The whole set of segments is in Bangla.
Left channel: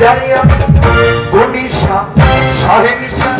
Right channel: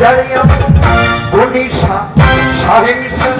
জারিয়া গুনিশা সাহেংসা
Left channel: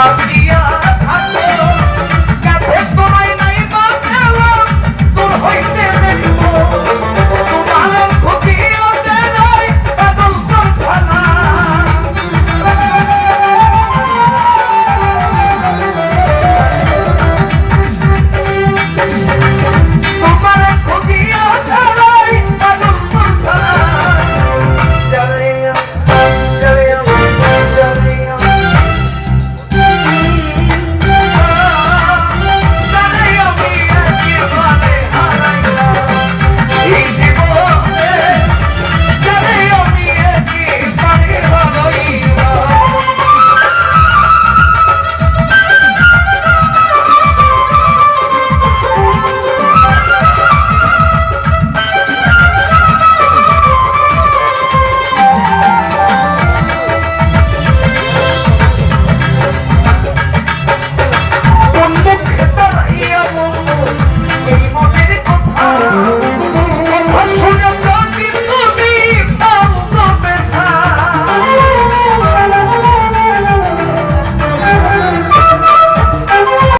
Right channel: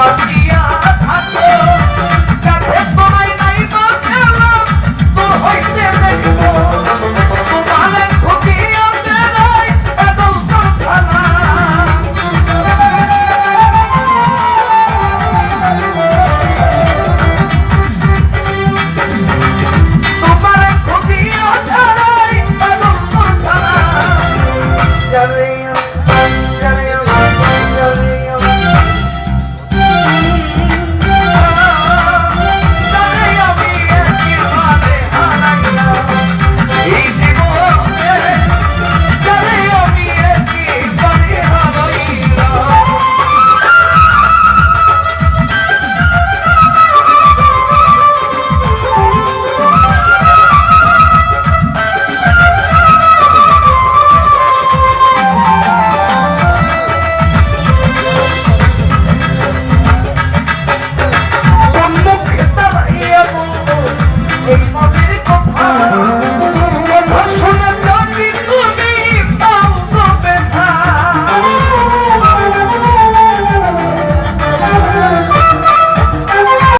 Papa.